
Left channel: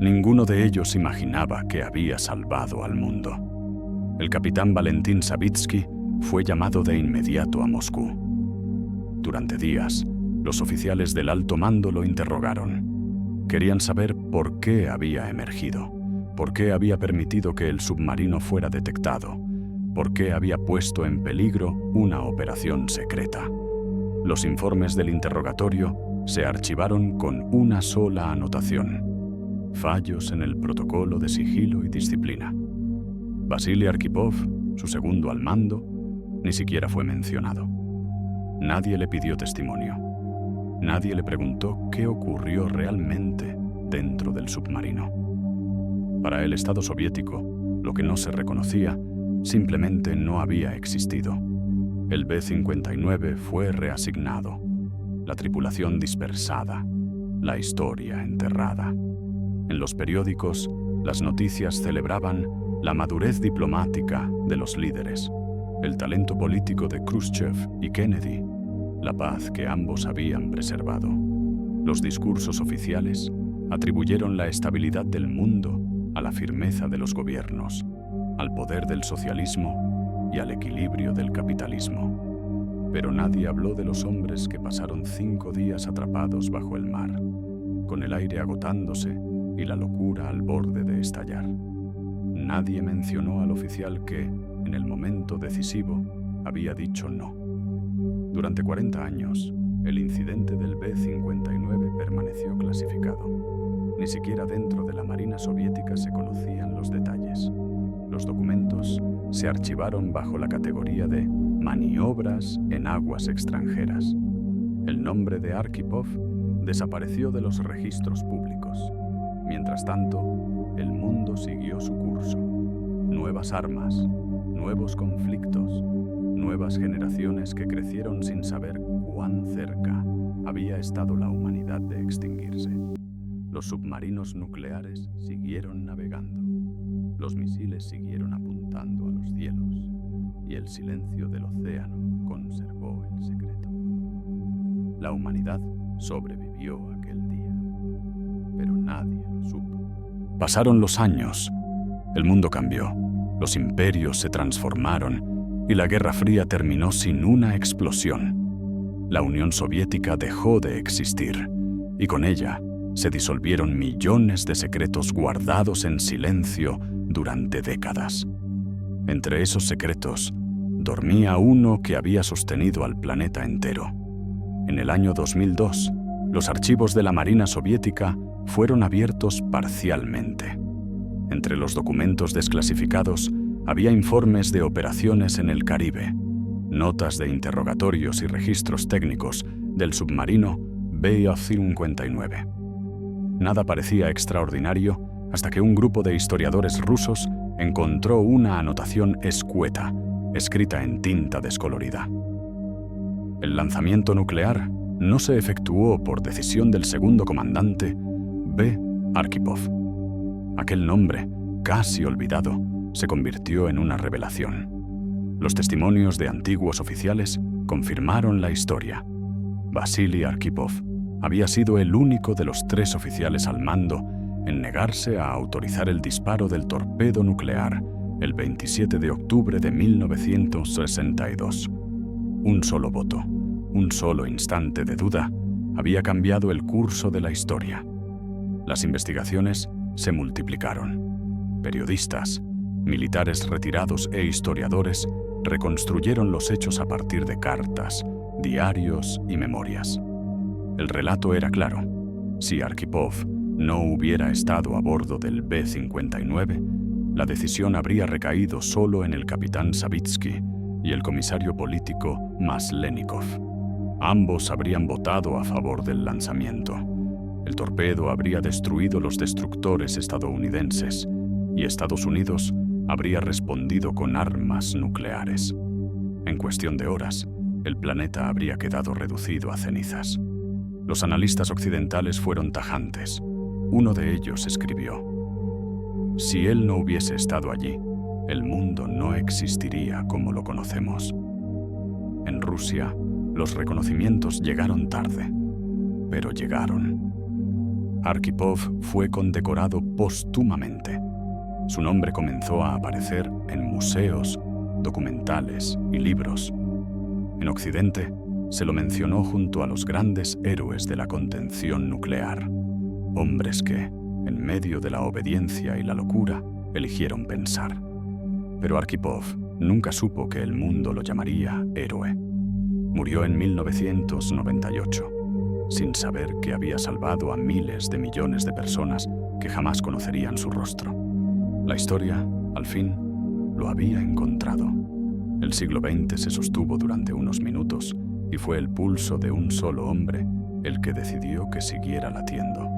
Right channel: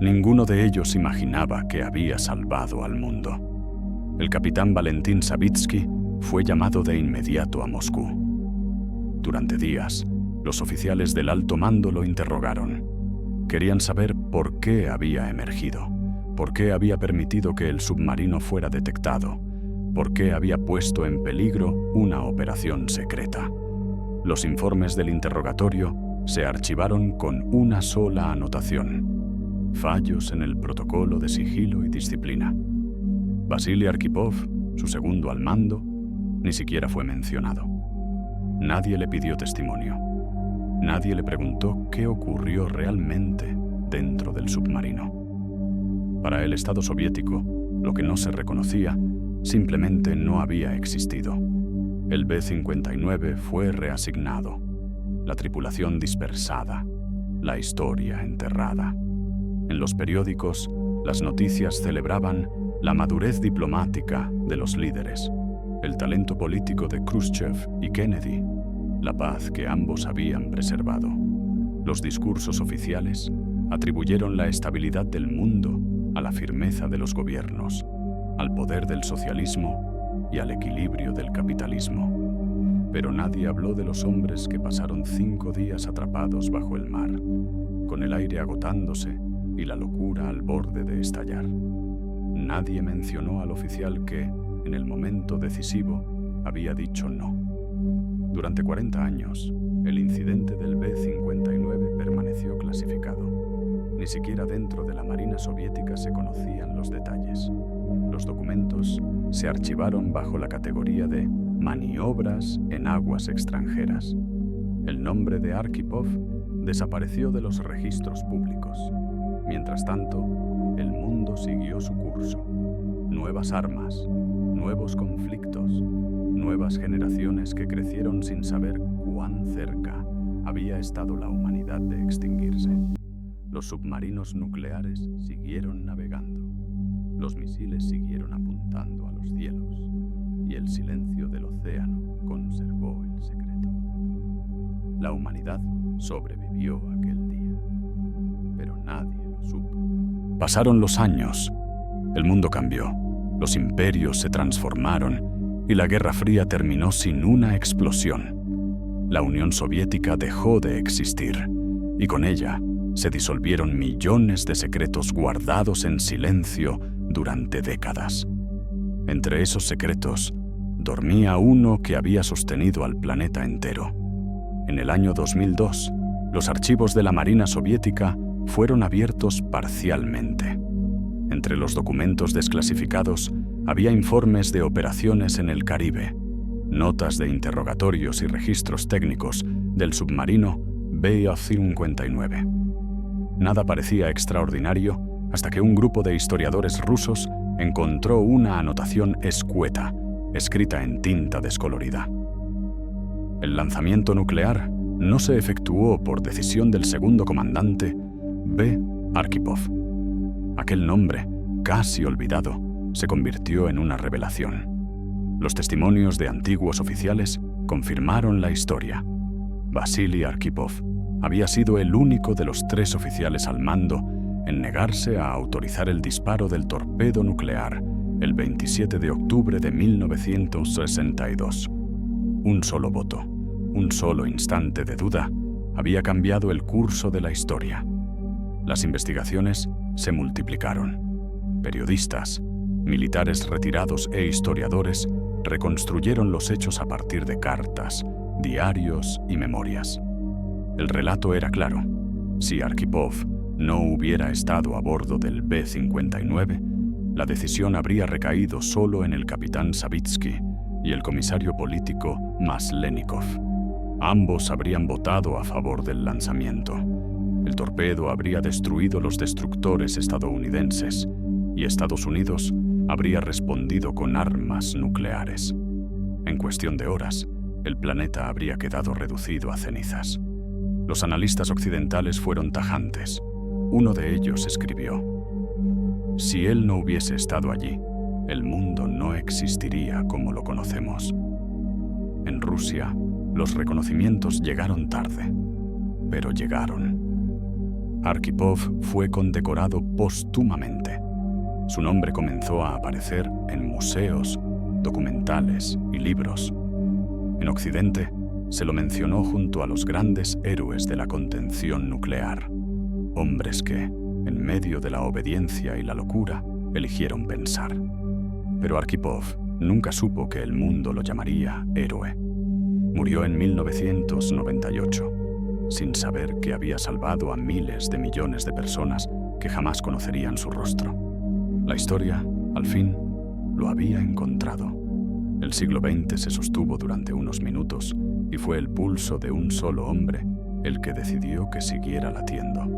Ninguno de ellos imaginaba que había salvado al mundo. El capitán Valentín Savitsky fue llamado de inmediato a Moscú. Durante días, los oficiales del alto mando lo interrogaron. Querían saber por qué había emergido, por qué había permitido que el submarino fuera detectado, por qué había puesto en peligro una operación secreta. Los informes del interrogatorio se archivaron con una sola anotación: fallos en el protocolo de sigilo y disciplina. Vasily Arkhipov, su segundo al mando, ni siquiera fue mencionado. Nadie le pidió testimonio. Nadie le preguntó qué ocurrió realmente dentro del submarino. Para el Estado soviético, lo que no se reconocía simplemente no había existido. El B-59 fue reasignado, la tripulación dispersada, la historia enterrada. En los periódicos, las noticias celebraban la madurez diplomática de los líderes, el talento político de Khrushchev y Kennedy, la paz que ambos habían preservado. Los discursos oficiales atribuyeron la estabilidad del mundo a la firmeza de los gobiernos, al poder del socialismo y al equilibrio del capitalismo. Pero nadie habló de los hombres que pasaron 5 días atrapados bajo el mar, con el aire agotándose y la locura al borde de estallar. Nadie mencionó al oficial que, en el momento decisivo, había dicho no. Durante 40 años, el incidente del B-59 permaneció clasificado. Ni siquiera dentro de la Marina soviética se conocían los detalles. Los documentos se archivaron bajo la categoría de maniobras en aguas extranjeras. El nombre de Arkhipov desapareció de los registros públicos. Mientras tanto, el mundo siguió su curso. Nuevas armas, nuevos conflictos, nuevas generaciones que crecieron sin saber cuán cerca había estado la humanidad de extinguirse. Los submarinos nucleares siguieron navegando. Los misiles siguieron apuntando a los cielos y el silencio del océano conservó el secreto. La humanidad sobrevivió aquel día, pero nadie lo supo. Pasaron los años, el mundo cambió, los imperios se transformaron y la Guerra Fría terminó sin una explosión. La Unión Soviética dejó de existir y con ella se disolvieron millones de secretos guardados en silencio durante décadas. Entre esos secretos, dormía uno que había sostenido al planeta entero. En el año 2002, los archivos de la Marina soviética fueron abiertos parcialmente. Entre los documentos desclasificados había informes de operaciones en el Caribe, notas de interrogatorios y registros técnicos del submarino B-59. Nada parecía extraordinario hasta que un grupo de historiadores rusos encontró una anotación escueta, escrita en tinta descolorida. El lanzamiento nuclear no se efectuó por decisión del segundo comandante B. Arkhipov. Aquel nombre, casi olvidado, se convirtió en una revelación. Los testimonios de antiguos oficiales confirmaron la historia. Vasily Arkhipov había sido el único de los 3 oficiales al mando en negarse a autorizar el disparo del torpedo nuclear el 27 de octubre de 1962. Un solo voto, un solo instante de duda, había cambiado el curso de la historia. Las investigaciones se multiplicaron. Periodistas, militares retirados e historiadores reconstruyeron los hechos a partir de cartas, diarios y memorias. El relato era claro. Si Arkhipov no hubiera estado a bordo del B-59, la decisión habría recaído solo en el capitán Savitsky y el comisario político Maslenikov. Ambos habrían votado a favor del lanzamiento. El torpedo habría destruido los destructores estadounidenses y Estados Unidos habría respondido con armas nucleares. En cuestión de horas, el planeta habría quedado reducido a cenizas. Los analistas occidentales fueron tajantes. Uno de ellos escribió: «Si él no hubiese estado allí, el mundo no existiría como lo conocemos». En Rusia, los reconocimientos llegaron tarde, pero llegaron. Arkhipov fue condecorado póstumamente. Su nombre comenzó a aparecer en museos, documentales y libros. En Occidente, se lo mencionó junto a los grandes héroes de la contención nuclear, hombres que, en medio de la obediencia y la locura, eligieron pensar. Pero Arkhipov nunca supo que el mundo lo llamaría héroe. Murió en 1998, sin saber que había salvado a miles de millones de personas que jamás conocerían su rostro. La historia, al fin, lo había encontrado. El siglo XX se sostuvo durante unos minutos y fue el pulso de un solo hombre el que decidió que siguiera latiendo.